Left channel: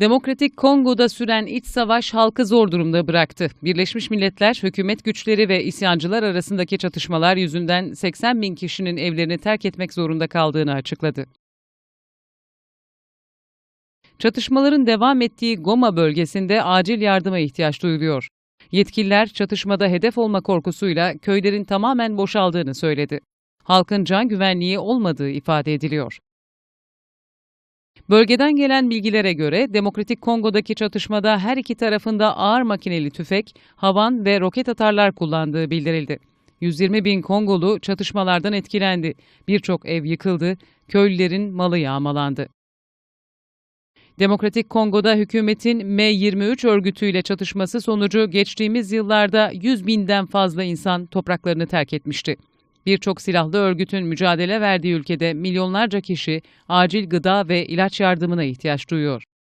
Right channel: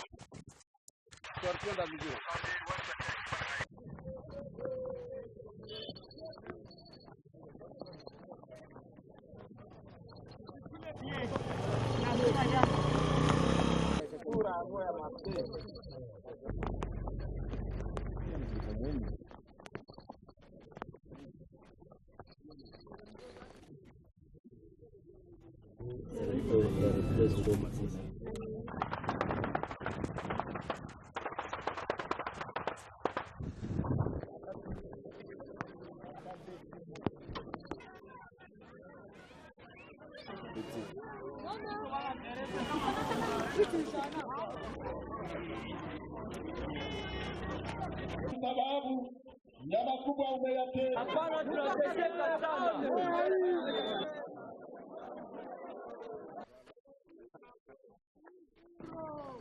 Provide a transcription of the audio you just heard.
Demokratik Kongo'da süren iç savaş halkı zor durumda bıraktı. Birleşmiş Milletler, hükümet güçleri ve isyancılar arasındaki çatışmalar yüzünden 80 bin kişinin evlerini terk etmek zorunda kaldığını açıkladı. Çatışmaların devam ettiği Goma bölgesinde acil yardıma ihtiyaç duyuluyor. Yetkililer çatışmada hedef olma korkusuyla köylerin tamamen boşaldığını söyledi. Halkın can güvenliği olmadığı ifade ediliyor. Bölgeden gelen bilgilere göre Demokratik Kongo'daki çatışmada her iki tarafında ağır makineli tüfek, havan ve roket atarlar kullandığı bildirildi. 120 bin Kongolu çatışmalardan etkilendi. Birçok ev yıkıldı, köylülerin malı yağmalandı. Demokratik Kongo'da hükümetin M23 örgütüyle çatışması sonucu geçtiğimiz yıllarda 100 binden fazla insan topraklarını terk etmişti. Birçok silahlı örgütün mücadele verdiği ülkede milyonlarca kişi acil gıda ve ilaç yardımına ihtiyaç duyuyor.